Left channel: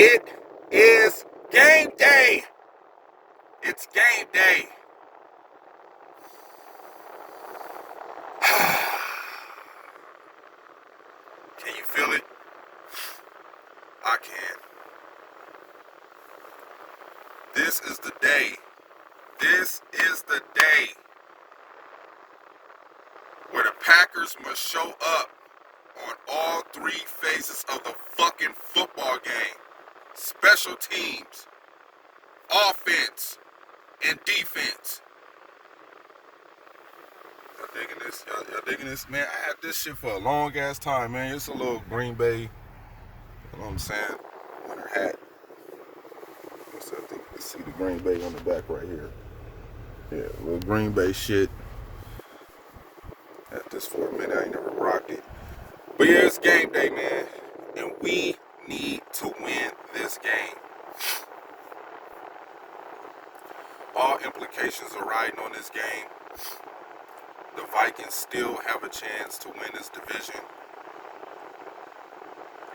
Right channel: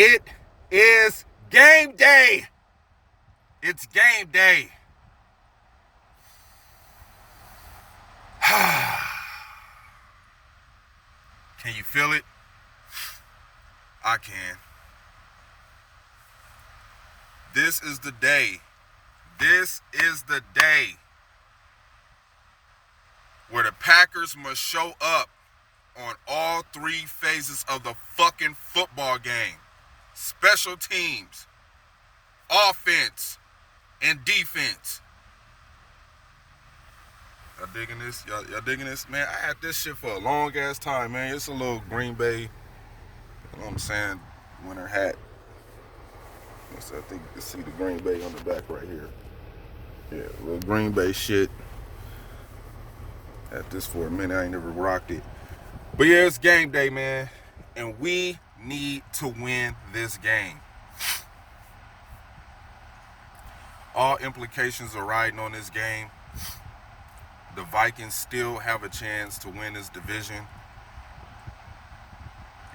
It is game day. It's game day. Can you feel it? I can. This is the day. This is the day where the Packers must show up on all three phases of the fucking football game. Special teams, offense, and defense. Y'all digging this? Y'all digging this? Man, I had this shit for a long ass time, man. It's a little Green Bay, you know what I'm saying, winter hat. I think you can see the Green Bay on the back right here. Yeah, little Green Bay shit. Had this for a minute. I ain't never rocked it. But yeah, it's game day, man. And we need to win this game. All implications are riding on this game. The Vikings still have a chance to win this division.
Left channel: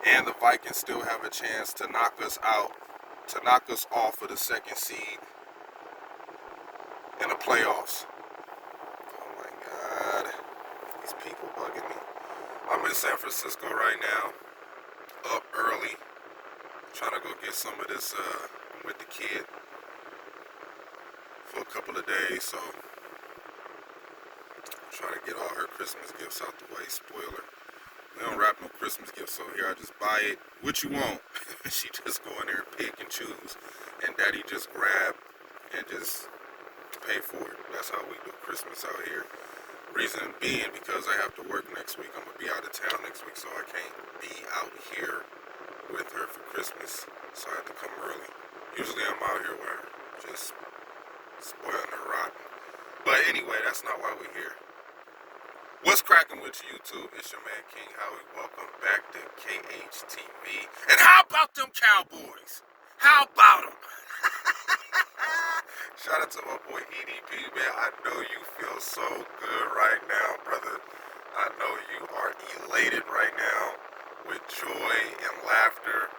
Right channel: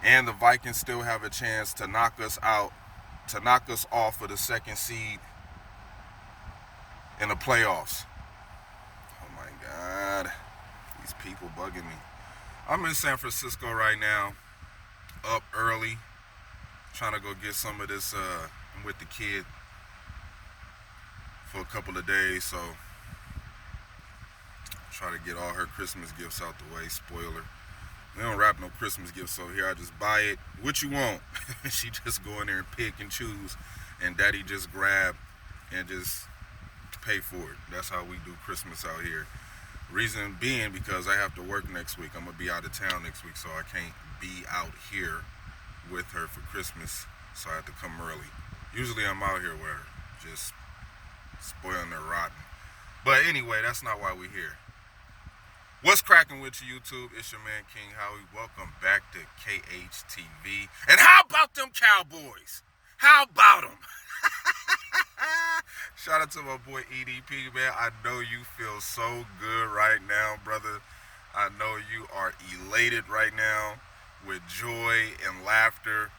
And the Vikings still have a chance to knock us out, to knock us off of the second seed in the playoffs. Oh my God. These people bugging me. I'm in San Francisco right now, up early, trying to go get some of this with the kid for a couple of days, so try to get all her Christmas gifts out the way, spoiler. We don't wrap no Christmas gifts over here. I just buy it. What you want? She just go in there and pick and choose, and Daddy just grab and just pay for it. That's how we do Christmas out here. Reason being because I have to work next week. I'm gonna be out of town next week, so I can't be out here with her for Christmas. So I have to come early. Usually I'm out here with her, just spoiling her rotten. But anyway, that's not why we're here. What's cracking with you, YouTube? It's your man, King Howie. Welcome back to KHTV. And how about them Cowboys? How about them? Shout out to my boy EDP, man. I know you feel so good right now, brother. I know you are elated right now with joy and laughter.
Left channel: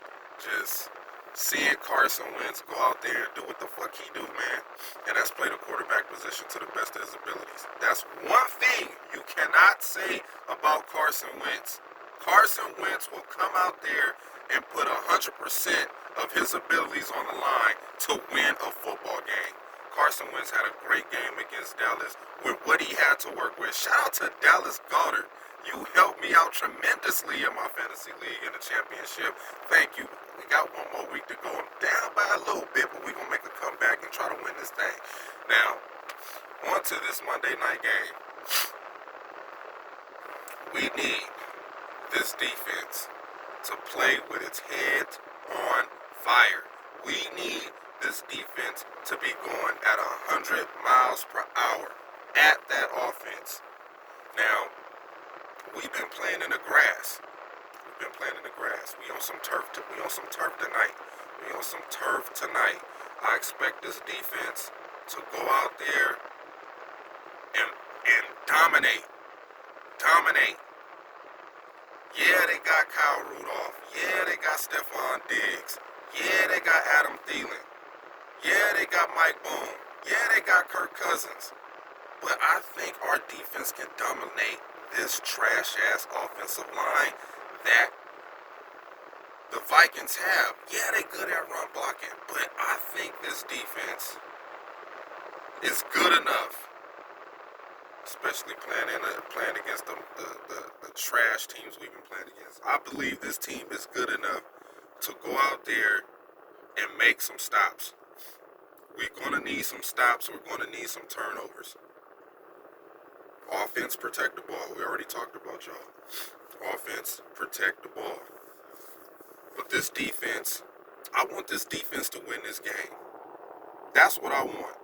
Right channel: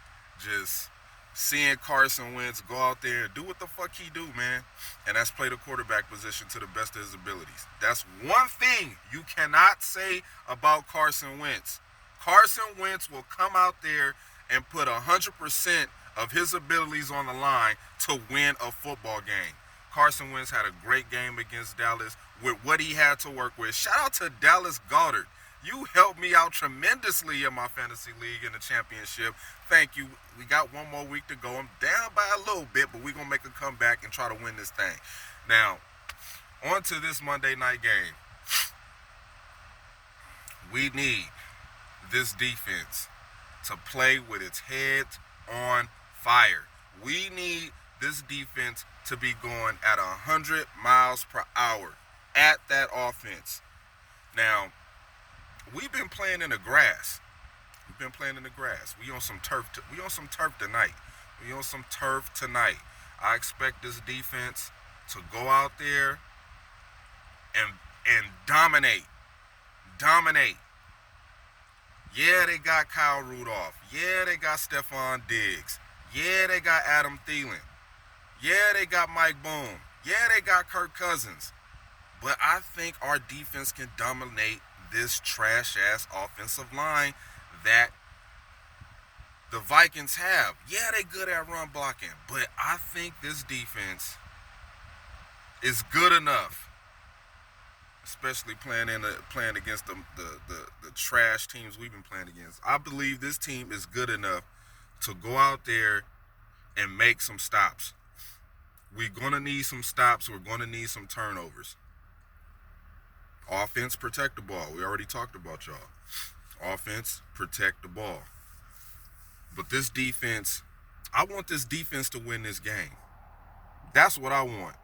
Just seeing Carson Wentz go out there and do what the fuck he do, man. And that's play the quarterback position to the best of his abilities. That's one thing you cannot say about Carson Wentz. Carson Wentz will come out there and put 100% of his abilities on the line to win a football game. Carson Wentz had a great game against Dallas with what he had to work with. Shout out to Dallas Goedert. You helped me out tremendously in my fantasy league in the championship. Thank you. We got one more week to go. I'm down by a little bit, but we're going to make a comeback and try to win this thing. Now, on to this Monday night game. We need this defense to play with its head on fire. We need this defense to be going at 100 miles per hour at that offense. Now, we've been playing in the grass. We on some turf. We on some turf tonight. I expect this defense to go out there and dominate. Yeah, they got Kyle Rudolph. Yeah, they got Stephon Diggs. Yeah, they got Adam Thielen. Yeah, they got Mike Boone. Yeah, they got Kirk Cousins. But I think our defense can dominate this trash-ass offensive line that the Vikings have. Yeah, they good at run blocking, but I think this defense is good enough, especially playing against the trash teams we've been playing against. I believe this team is good enough to go out there and make some stops. We're going to need some stops. We're going to need some turnovers. Offense, protect the ball. We already talked about y'all. Offense, protect the ball. But this defense, I want this defense to win this game. That's what I want.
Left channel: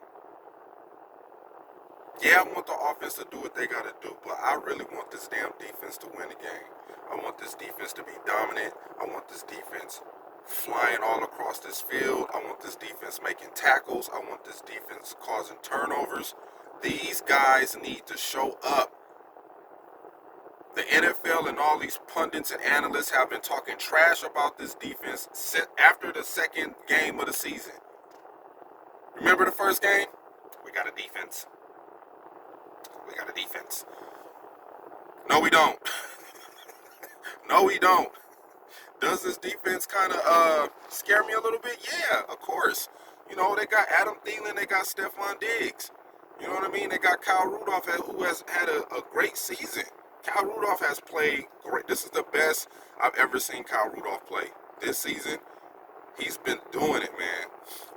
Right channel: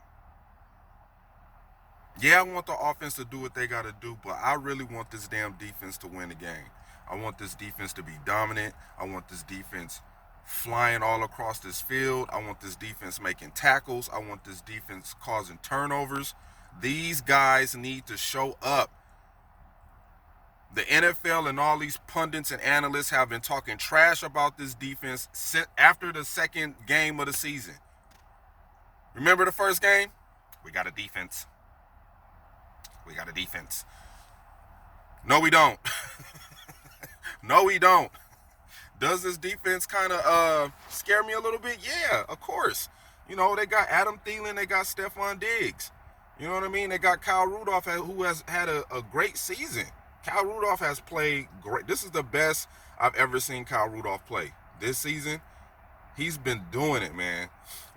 Yeah, I want the offense to do what they got to do, but I really want this damn defense to win the game. I want this defense to be dominant. I want this defense flying all across this field. I want this defense making tackles. I want this defense causing turnovers. These guys need to show up. The NFL and all these pundits and analysts have been talking trash about this defense after the second game of the season. Remember the first game? We got a defense. We got a defense. No, we don't. No, we don't. Does this defense kind of scare me a little bit? Yeah, of course. You know, they got Adam Thielen, they got Stephon Diggs. You know what I mean? They got Kyle Rudolph, who has had a great season. Kyle Rudolph has played great. This is the best I've ever seen Kyle Rudolph play. This season, he's been doing it, man.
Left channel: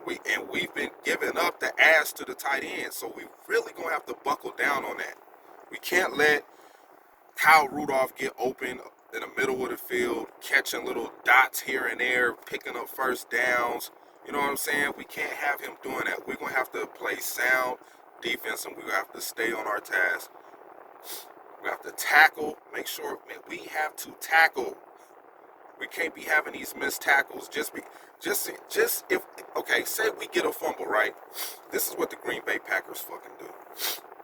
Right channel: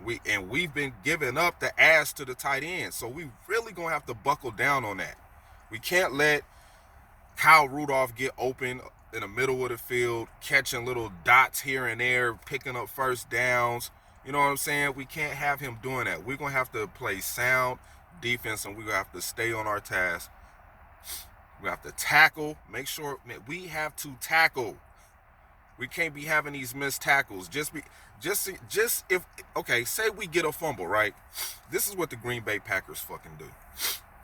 We've been giving up the ass to the tight end. So we really going to have to buckle down on that. We can't let Kyle Rudolph get open in the middle of the field, catching little dots here and there, picking up first downs. You know what I'm saying? We can't have him doing that. We're going to have to play sound defense, and we're going to have to stay on our task. We have to tackle. Make sure we have to tackle. We can't be having these missed tackles. Say we get a fumble, right? This is what the Green Bay Packers fucking do.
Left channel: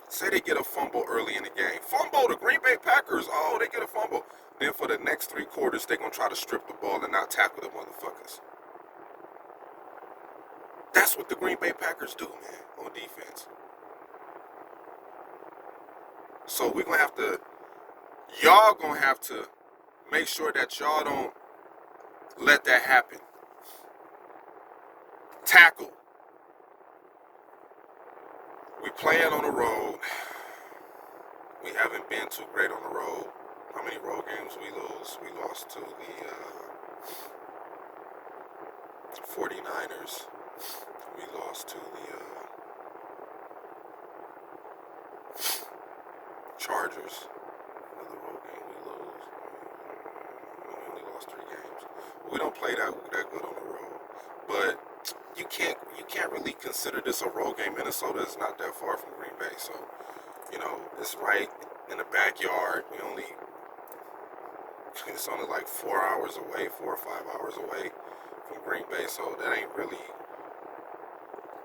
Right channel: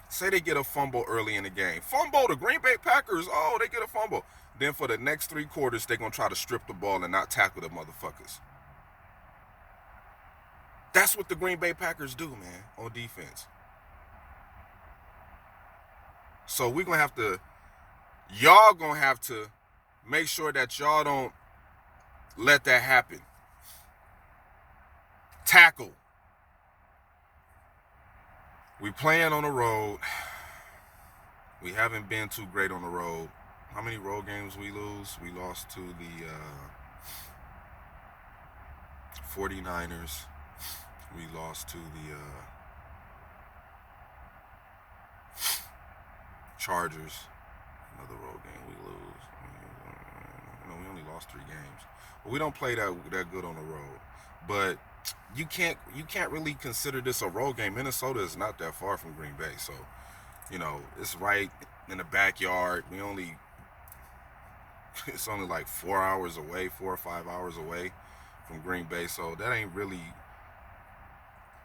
Say they get a fumble early in the game. Fumble, the Green Bay Packers, they get a fumble. Then for the next 3 quarters, they're going to try to strip the ball and not tackle the motherfuckers. That's what the Green Bay Packers do, man, on defense. So we're going to have to, y'all going to have to make sure that y'all don't let that happen. Tackle. We playing on the road. We haven't been too great on the road. How many road games we lose? We lost to the 49ers. We lost to the Chargers. Another road game we lose. We only lost 3 games. But we don't play that good on the road. But you can't really consider this a road game. Minnesota is not that far from Green Bay, so it's right in the backyard. It's only like 4 hours away, 4 or 5 hours away from Green Bay, so that ain't really.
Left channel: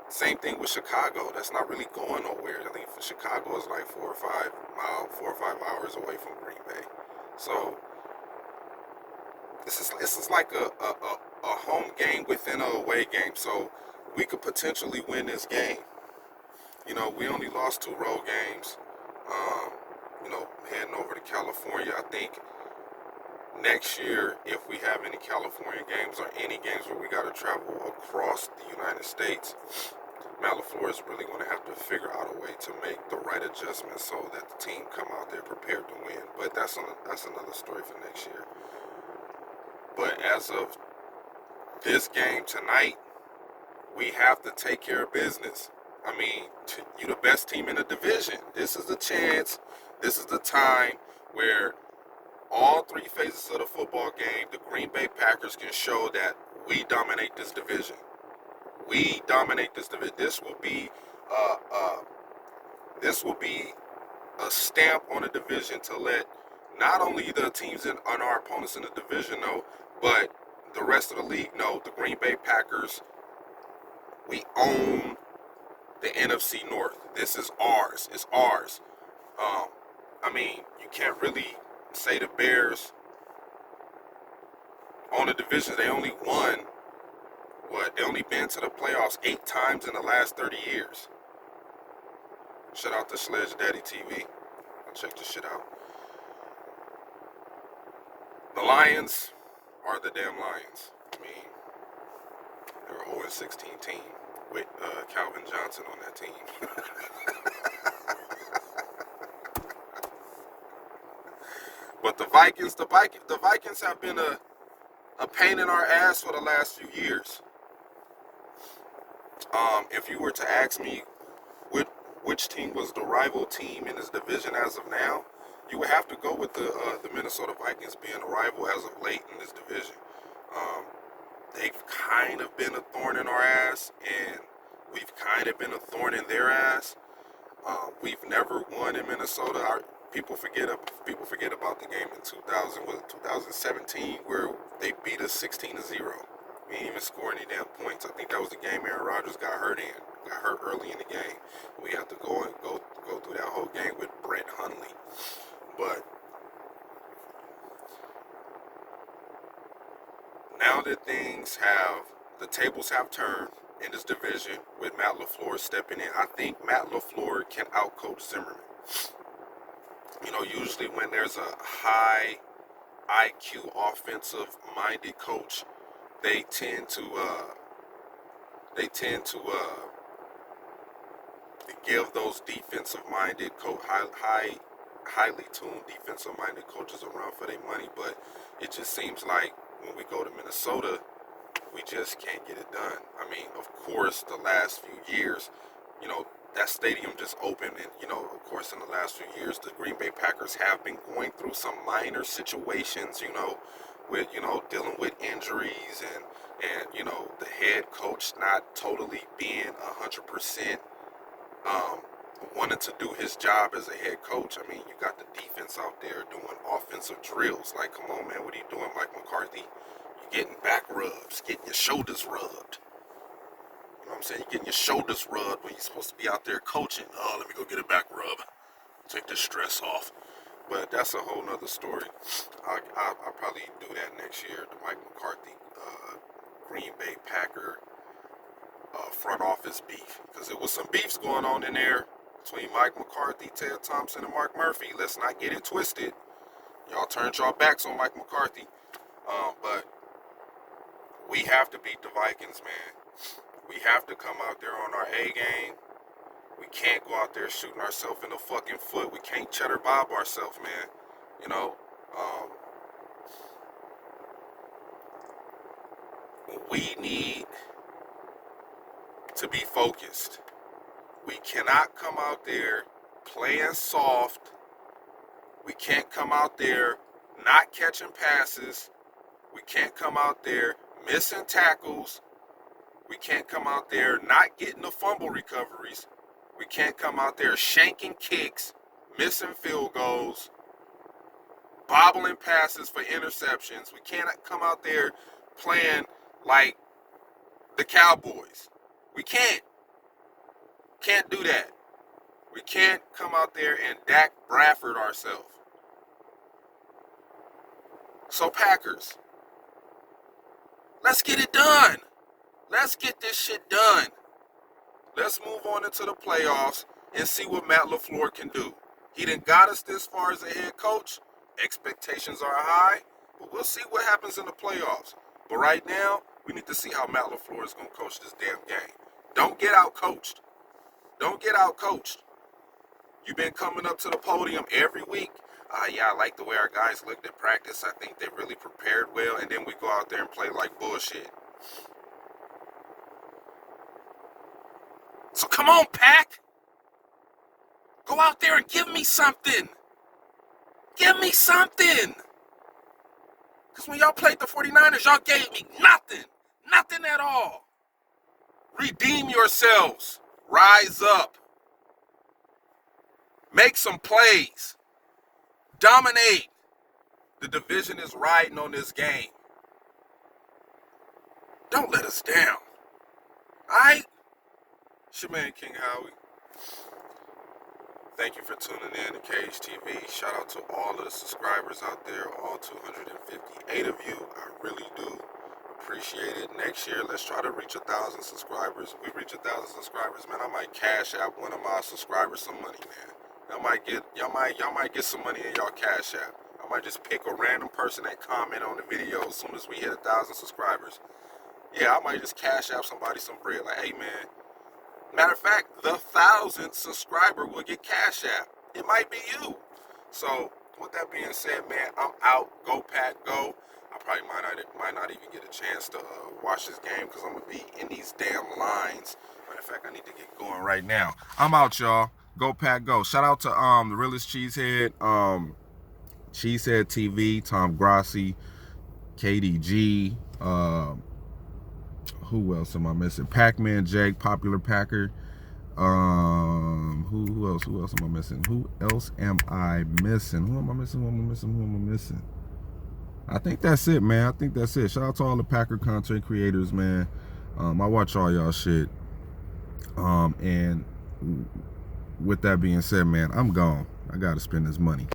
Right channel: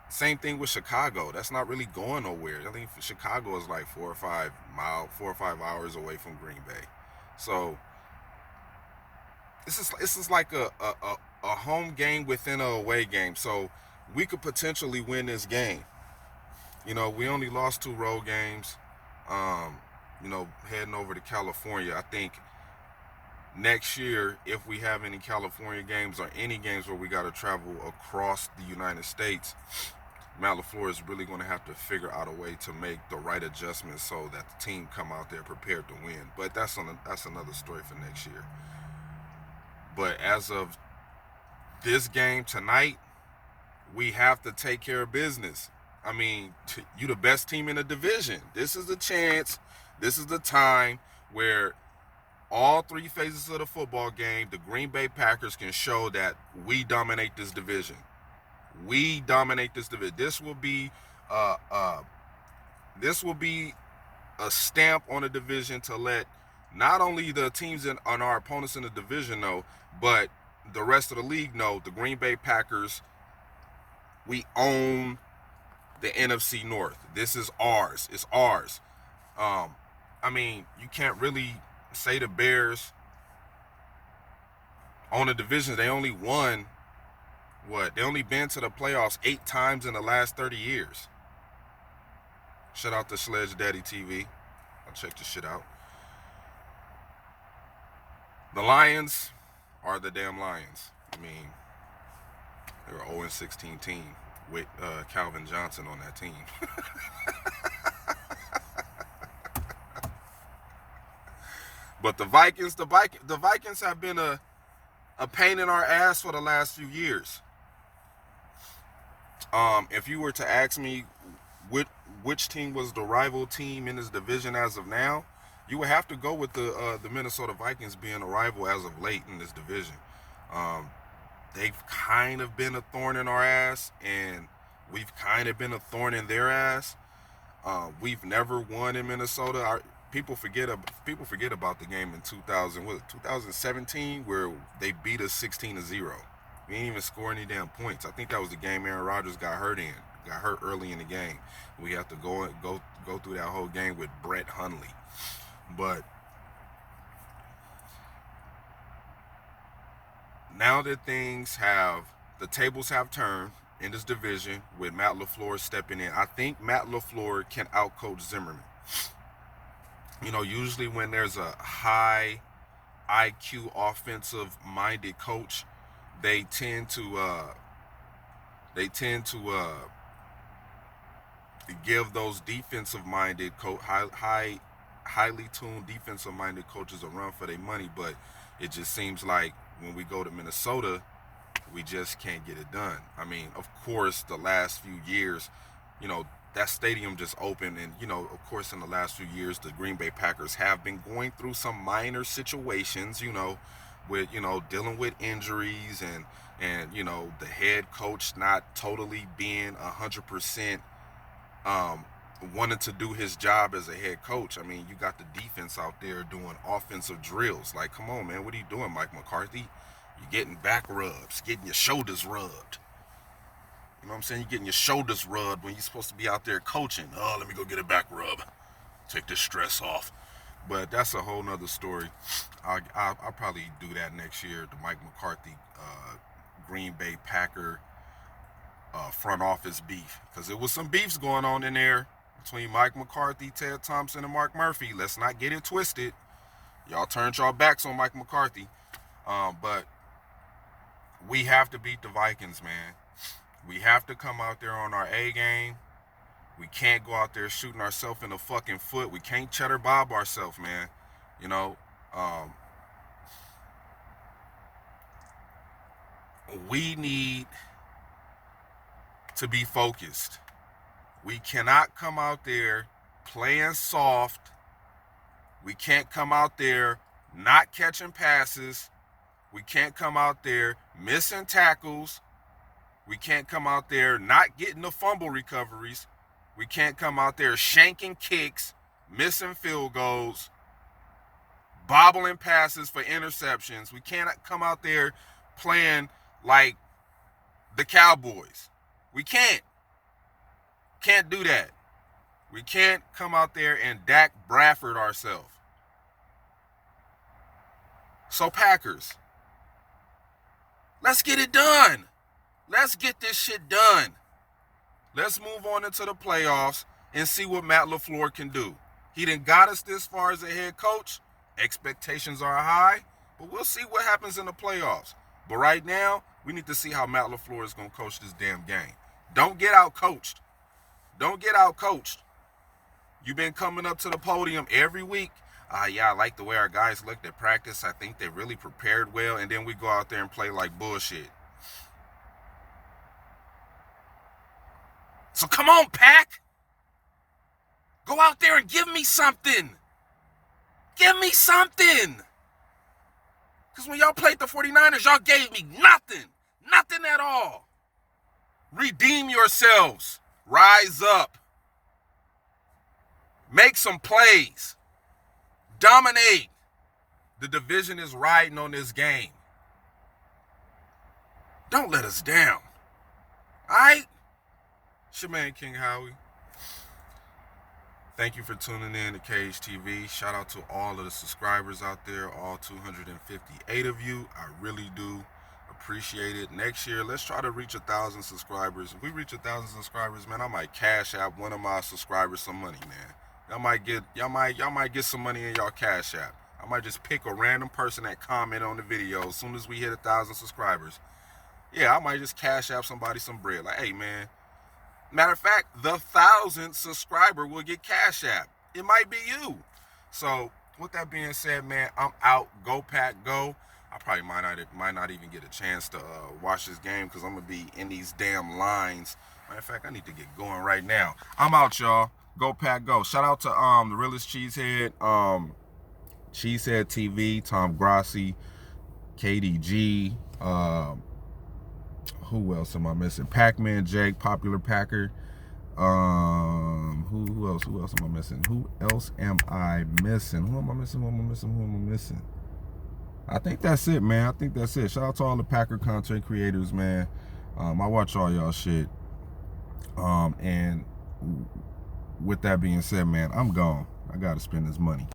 Same thing with Chicago. That's not really going nowhere. I think Chicago is like 4 or 5 hours away from Green Bay. So this is like a home game within a away game. So we could potentially win this game. We only lost 2 road games. Heading over to California, I think next year, if we have any California games or any games where we got to travel across the United States, Matt LaFleur is really going to have to figure out a way to make the right adjustments so that the team come out there prepared to win. But that's another story for next year. But as of this game tonight, we have to take care of business. I mean, you the best team in the division. This is the chance. This is the time where all 3 phases of the football game, the Green Bay Packers can show that we dominate this division. We dominate this division. This will be a stamp on the division to let not only the teams on our opponents in the division know, but the rest of the league know. The Green Bay Packers, we own the NFC North. This is ours. It's ours. You can't really say the Bears on the division. They only won, they only been to the playoffs 8 times in the last 30 years. Shout out to Sledge Daddy TV. I'll check this shit out. The Lions are the damn Lions. They're an 0-16 team with Calvin Johnson on that team. But the Vikings have been a pain in our ass for the last few years. If you were to ask me which team was the rival team in this division as of now, you would have to go with the Minnesota Vikings being a rival as of late in this division. They've kind of been a thorn in our ass, and we've kind of been a thorn in their ass. We've never won in Minnesota. People forget about the game in 2017 where they beat us 16-0. We didn't even score any damn points. I think that was the game Aaron Rodgers got hurt early in the game. We have to go through that whole game with Brett Hundley. But now that the tables have turned in this division with Matt LaFleur stepping in, I think Matt LaFleur can outcoach Zimmerman. You know, usually when there's a high IQ offensive-minded coach, they tend to give those defensive-minded highly tuned defensive-minded coaches a run for their money. But it just seems like when we go to Minnesota, we just can't get it done. I mean, of course, the last few years, you know, that stadium just opened, and, you know, of course, in the last few years, the Green Bay Packers have been going through some minor situations, you know, with, you know, dealing with injuries and you know, the head coach not totally being 100% wanted to do his job as a head coach. I mean, you got the defense out there doing offensive drills. Like, come on, man, what are you doing, Mike McCarthy? You're getting back rubs, getting your shoulders rubbed. You know what I'm saying? You're getting your shoulders rubbed when you're supposed to be out there coaching. Oh, let me go get a back rub. Take this stress off. But that's a whole nother story. I'll probably do that next year, the Mike McCarthy Green Bay Packer front office beef. Because there was some beefs going on in there between Mike McCarthy, Ted Thompson, and Mark Murphy. Let's not get it twisted. Y'all turned y'all backs on Mike McCarthy. But we have to beat the Vikings, man. We have to come out there on our A game. We can't go out there shooting ourselves in the fucking foot. We can't cheddar bob ourselves, man. You know, we need to be focused. We cannot come out there playing soft. We can't come out there not catching passes. We can't come out there missing tackles. We can't come out there not getting the fumble recoveries. We can't come out there shanking kicks, missing field goals, bobbling passes for interceptions. We can't come out there playing like the Cowboys. We can't. Can't do that. We can't come out there and Dak Bradford ourselves. So Packers, let's get it done. Let's get this shit done. Let's move on into the playoffs and see what Matt LaFleur can do. He done got us this far as a head coach. Expectations are high, but we'll see what happens in the playoffs. But right now, we need to see how Matt LaFleur is going to coach this damn game. Don't get out-coached. Don't get out-coached. You've been coming up to the podium every week. Yeah, I like the way our guys looked at practice. I think they really prepared well, and then we go out there and play like bullshit. So come on, Pack. Go out there and give me something. Give me something. Because when y'all played the 49ers, y'all gave me nothing. Nothing at all. Redeem yourselves. Rise up. Make some plays. Dominate. The division is riding on this game. Don't let us down. All right? It's your man, King Howie. Thank you for tuning in to Cage TV. Shout out to all of the subscribers out there, all 258 of you. I really do appreciate it. Next year, let's try to reach 1,000 subscribers. If we reach 1,000 subscribers, man, I might cash out one of my subscribers some money, man. Y'all might get some money in y'all cash app. I might just pick a random person that comment on the video as soon as we hit 1,000 subscribers. Yeah, I might just cash out somebody some bread. Like, hey, man. Matter of fact, the 1,000th subscriber will get cash app. It might be you. So, with that being said, man, I'm out. Go Pack, go. I probably might not even get a chance to watch this game because I'm going to be in these damn lines. Matter of fact, I need to get going right now. I'm out, y'all. Go Pack, go. Shout out to the realest cheesehead, Cheesehead TV, Tom Grassi, KDG, who else am I missing? Pac-Man Jake, Popular Packer. Who else am I missing? Who else am I missing? Who am I missing? I think that's it, man. I think that's it. Shout out to all the Packer content creators, man. I watch all y'all shit. And with that being said, man, I'm gone. I gotta spend this money.